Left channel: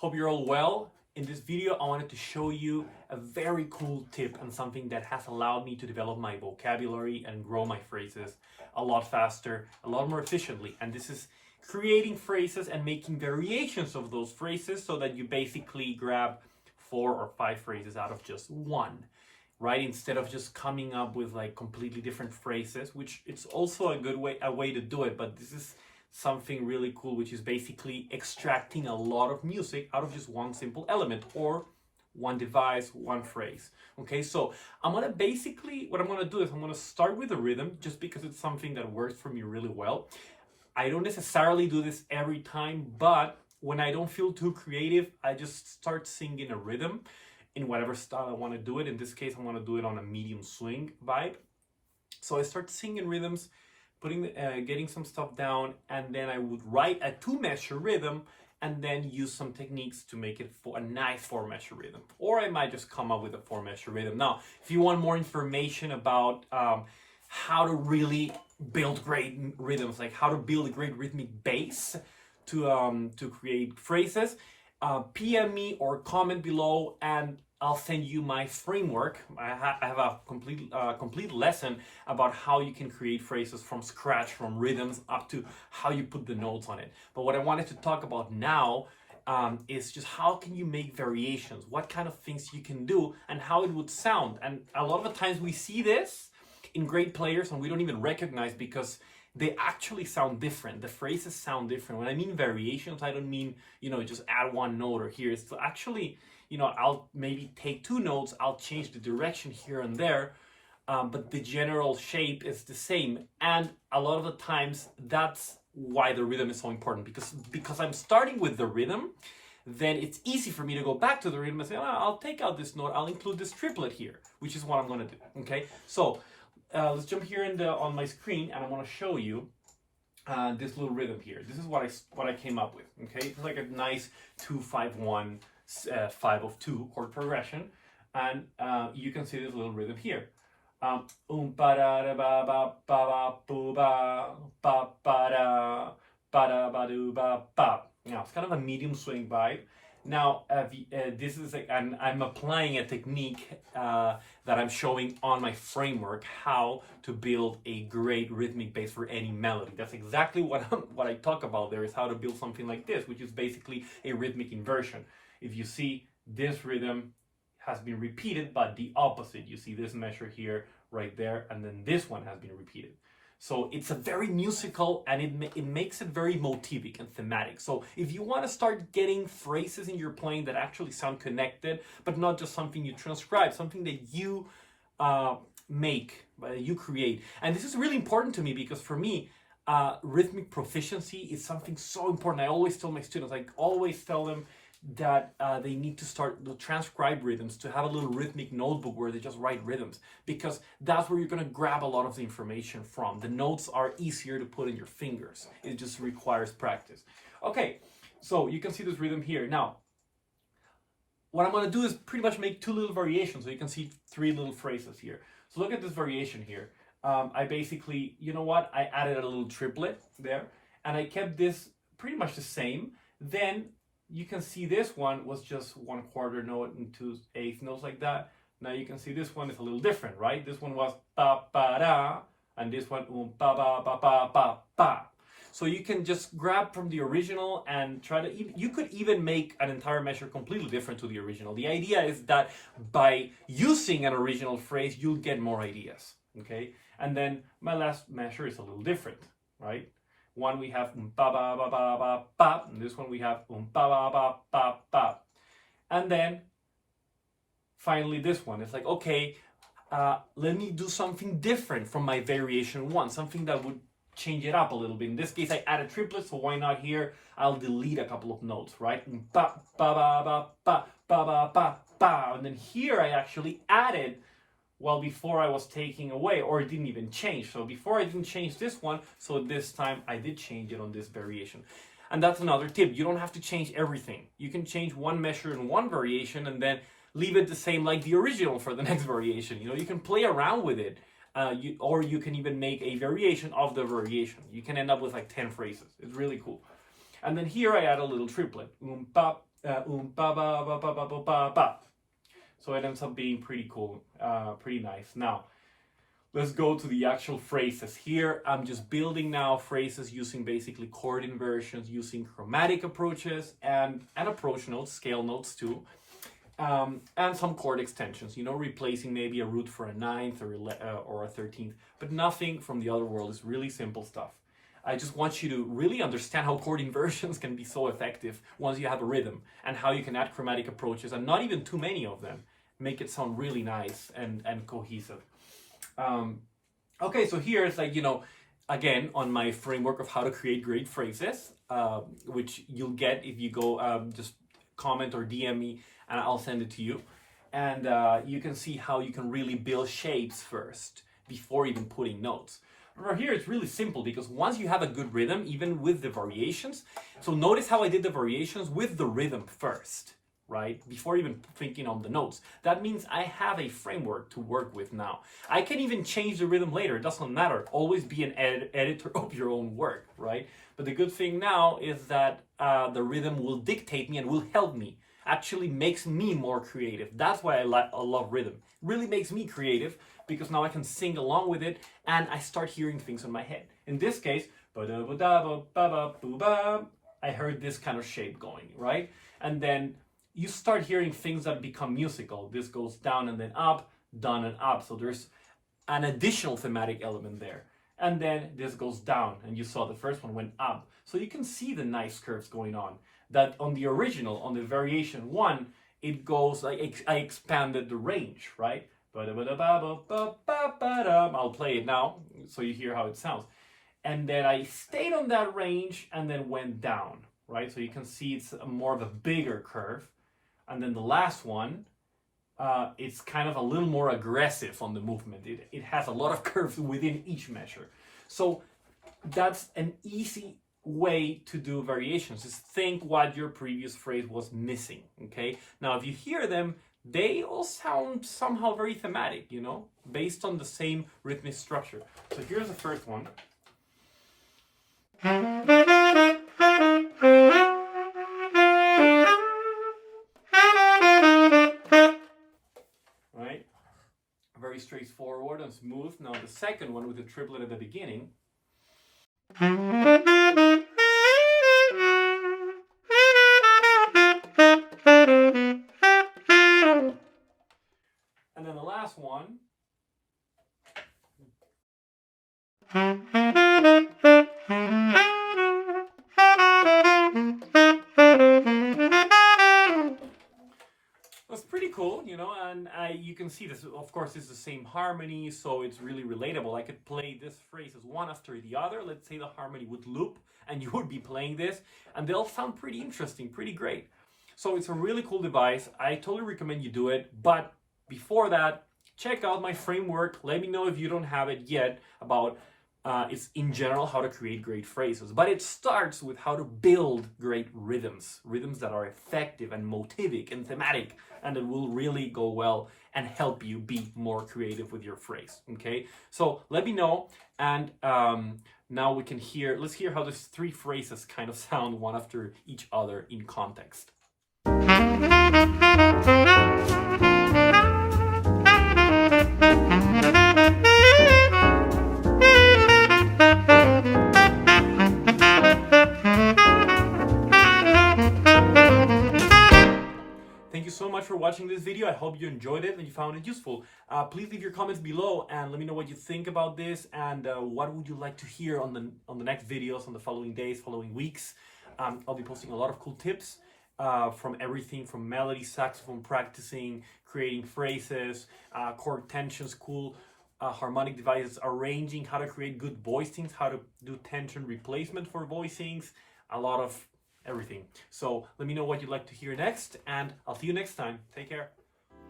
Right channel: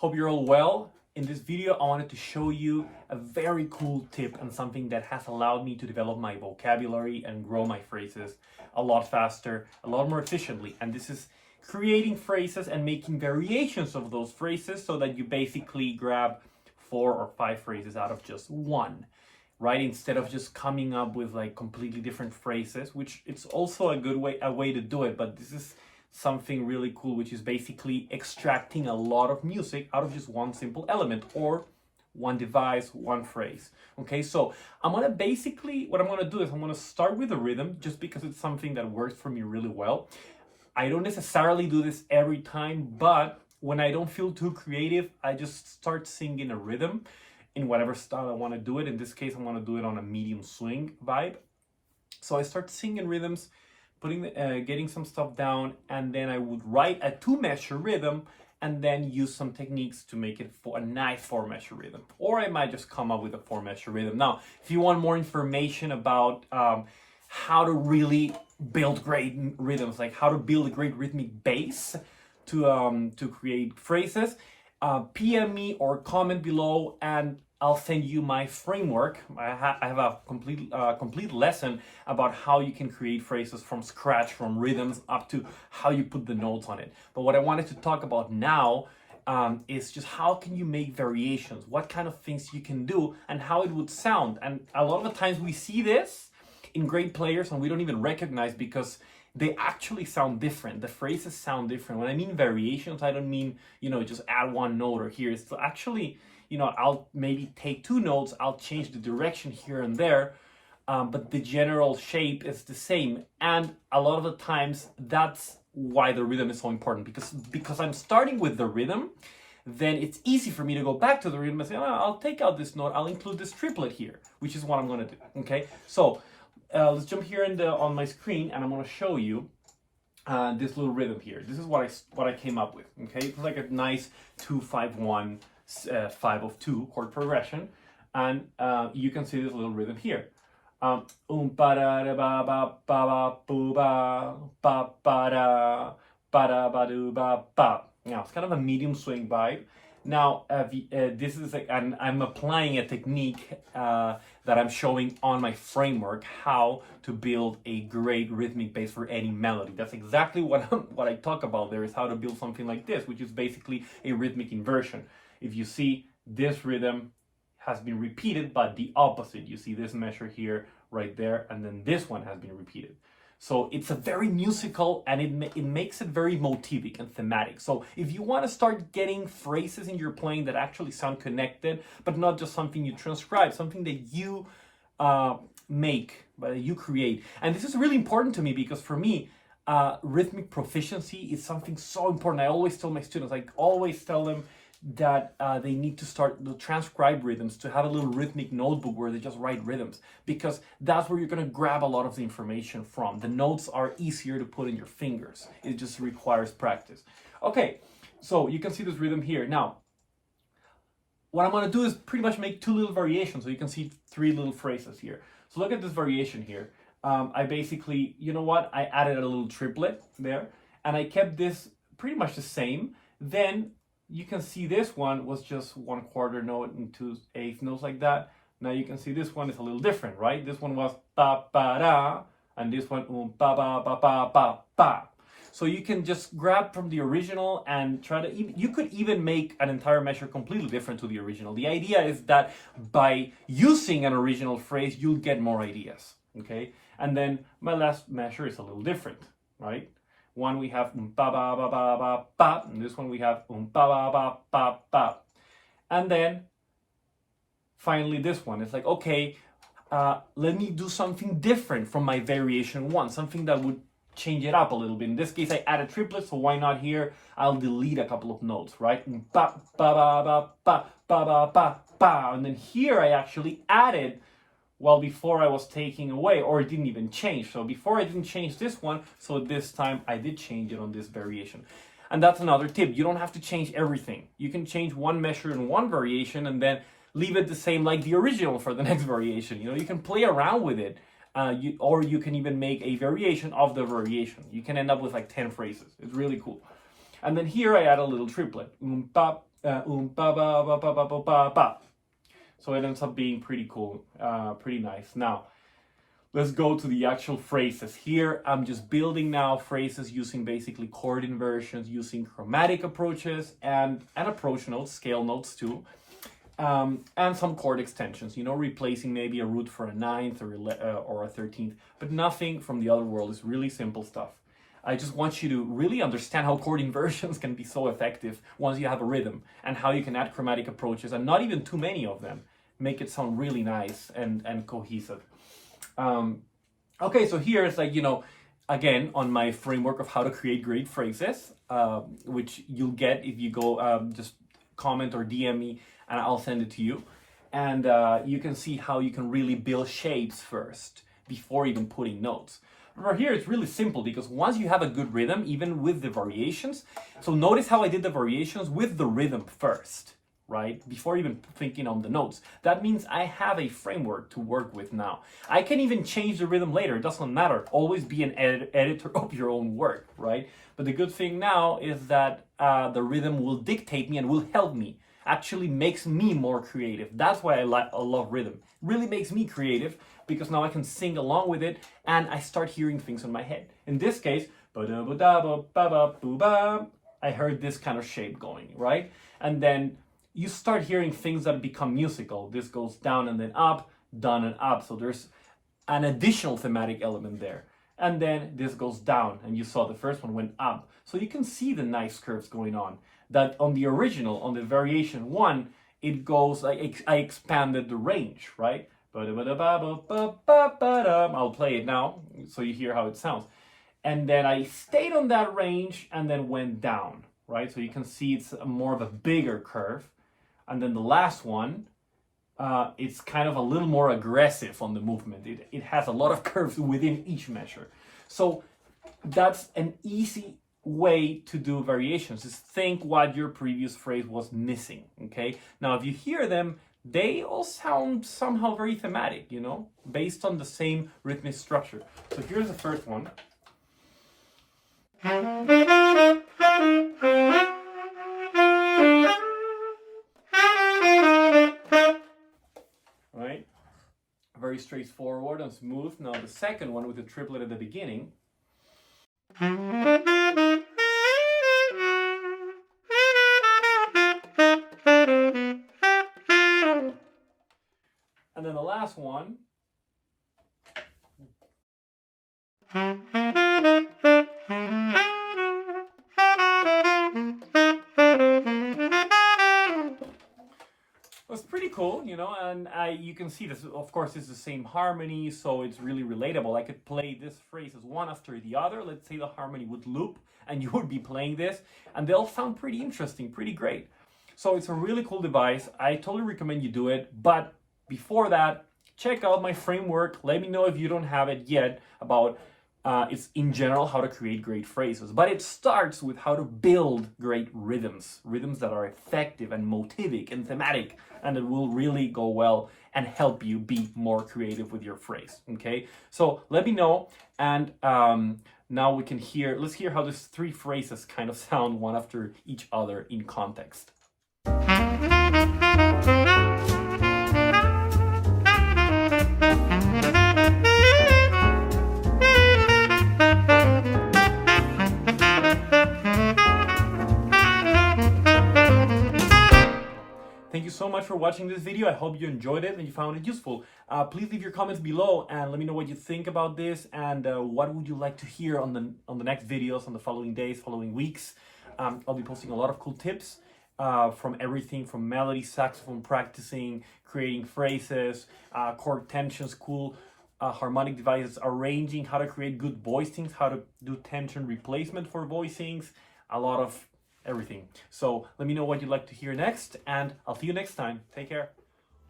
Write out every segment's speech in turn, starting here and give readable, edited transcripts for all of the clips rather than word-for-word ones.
Hope you're all well. In this video, I wanted to show you a very cool tip and something that has allowed me to develop my vocabulary and grow my phrases a lot faster, a lot more efficiently. And this is creating phrases and making variations of those phrases so that you basically grab 4 or 5 phrases out of just one, right? Instead of just coming up with like completely different phrases, which it's also a way to do it, but this is something really cool, which is basically extracting a lot of music out of just one simple element or one device, one phrase. Okay, so what I'm gonna do is I'm gonna start with the rhythm just because it's something that works for me really well. I don't necessarily do this every time, but when I don't feel too creative, I just start singing a rhythm in whatever style I want to do it. In this case, I want to do it on a medium swing vibe. So I start singing rhythms, getting some stuff down, and then I would write a 2-measure rhythm and then use some techniques to make it for a nice 4-measure rhythm. Or I might just come up with a 4-measure rhythm. Now, if you want more information about how to really build great rhythms, like how to build a great rhythmic base to create phrases, PM me or comment below and I'll send you my framework. I have a complete lesson about how you can create phrases from scratch, from rhythms up to how you put the notes on it. But what I wanted to talk about now is just how can you make variations, what kind of things you can do and how it would sound. And a lot of the times we see this in great players and we don't even recognize because they actually sound different. The phrases sound different. When I mean variations, I don't mean, just add one note or here. It's actually, I'll maybe take 2 notes, I'll change the direction here and there, but the general shape is the same. And a lot of the times, that's why the rhythm is so important, because I'm starting with the rhythm, then it's easy for me to go back to the rhythm and say, I'll take out this note, I'll include this triplet here, which is what I'm gonna do, okay? So, let's jump here on my screen and I'm going to show you this little rhythm here. This is what I came up with. Okay, it's like a nice 2-5-1 5 of 2 chord progression, and you can see this little rhythm here. Now it's kind of a medium swing vibe. Now, this is and I'm applying a technique that I'm showing on my framework, how to build a great rhythmic base for any melody. That's exactly what I talk about there, is how to build something like this, which is basically a rhythmic inversion. If you see, this rhythm has been repeated, but the opposite. You see this measure here, right there, and then this one has been repeated. So it's a very musical and it makes it very motivic and thematic. So if you want to start getting phrases in your playing that actually sound connected, but not just something you transcribe, something that you make, that you create. And this is really important to me because for me, rhythmic proficiency is something so important. I always tell my students, I always tell them that they need to start to transcribe rhythms, to have a little rhythmic notebook where they just write rhythms, because that's where you're going to grab a lot of the information from. The notes are easier to put in your fingers. It just requires practice. Okay, so you can see this rhythm here. Now, what I'm going to do is pretty much make 2 little variations. So you can see 3 little phrases here. So look at this variation here. I basically, I added a little triplet there, and I kept this pretty much the same. Then you can see this one was just 1/4 note and 2/8 notes like that. Now you can see this one is a little different, right? This one was ba ba da, and this one ba ba ba ba ba ba. So you can just grab from the original and try to. You could even make an entire measure completely different to the original. The idea is that by using an original phrase, you'll get more ideas. Okay, and then my last measure is a little different, right? One we have ba ba ba ba ba ba, and this one we have ba ba ba ba ba. And then finally this one, it's like, okay, let me do something different from my variation 1, something that would change it up a little bit. In this case, I added triplets, so why not here? I'll delete a couple of notes, right? Ba ba ba ba ba ba ba ba ba. And then here I actually added, well, before I was taking away, or it didn't even change. So before I didn't change this one, so this time I did change it on this variation. And that's another tip. You don't have to change everything. You can change one measure in one variation and then leave it the same like the original for the next variation. You can play around with it. Or you can even make a variation of the variation. You can end up with like 10 phrases. It's really cool. And then here I add a little triplet. ba ba ba ba ba ba ba ba. So it ends up being pretty cool, pretty nice. Now, let's go to the actual phrases. Here, I'm just building now phrases using basically chord inversions, using chromatic approaches and approach notes, scale notes too, and some chord extensions, you know, replacing maybe a root for a ninth or a 13th, but nothing from the other world. It's really simple stuff. I just want you to really understand how chord inversions can be so effective once you have a rhythm, and how you can add chromatic approaches, and not even too many of them, make it sound really nice and cohesive. Okay, so here it's like, you know, again, on my framework of how to create great phrases, which you'll get if you go just comment or DM me and I'll send it to you. And you can see how you can really build shapes first before even putting notes. Remember, here it's really simple, because once you have a good rhythm, even with the variations, so notice how I did the variations with the rhythm first, right? Before even thinking on the notes. That means I have a framework to work with now. I can even change the rhythm later. It doesn't matter. Always be an editor of your own work, right? But the good thing now is that the rhythm will dictate me and will help me. Actually makes me more creative. That's why I love rhythm. It really makes me creative, because now I can sing along with it and I start hearing things in my head. In this case, I heard this kind of shape going, right? And then you start hearing things that become musical. This goes down and then up, down and up. So there's an additional thematic element there. And then this goes down, and you saw the first one went up. So you can see the nice curves going on. That on the original, on the variation one, it goes, like I expanded the range, right? I'll play it now so you hear how it sounds. And then I stayed on that range and then went down, right? So you can see it's more of a bigger curve. And then the last one, it's kind of a little more aggressive on the movement. It has a lot of curves within each measure. So that's an easy way to do variations, is think what your previous phrase was missing, okay? Now, if you hear them, they all sound somehow very thematic, you know, based on the same rhythmic structure. So here's the first one. Right? Very straightforward and smooth. Now the second one with the triplet at the beginning. And then the last one. That's pretty cool, you know, and you can see this, of course, it's the same harmony, so it's really relatable. I could play this phrase as one after the other. Let's say the harmony would loop, and you would be playing this, and they'll sound pretty interesting, pretty great. So it's a really cool device. I totally recommend you do it, but before that, check out my framework. Let me know if you don't have it yet about it's in general how to create great phrases. But it starts with how to build great rhythms that are effective and motivic and thematic, and it will really go well and help you be more creative with your phrase, okay? So let me know, and now we can let's hear how these three phrases kind of sound one after each other in context. Thank you so much for watching this video. I hope you enjoyed it and you found it useful. Please leave your comments below and let me know what you think about this, and what would you like to hear on the next videos, on the following days, following weeks. I'll be posting a lot of cool tips from everything from melody, saxophone practicing, creating phrases, chord tensions, cool harmonic devices, arranging, how to create good voicings, how to do tension replacement for voicings, a lot of everything. So let me know what you'd like to hear next, and I'll see you next time. Take care.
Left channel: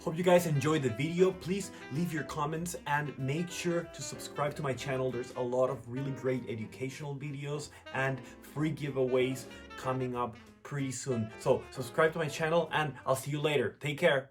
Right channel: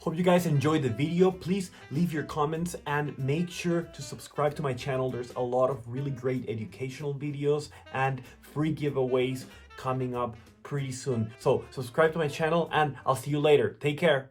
Hope you guys enjoyed the video. Please leave your comments and make sure to subscribe to my channel. There's a lot of really great educational videos and free giveaways coming up pretty soon. So subscribe to my channel and I'll see you later. Take care.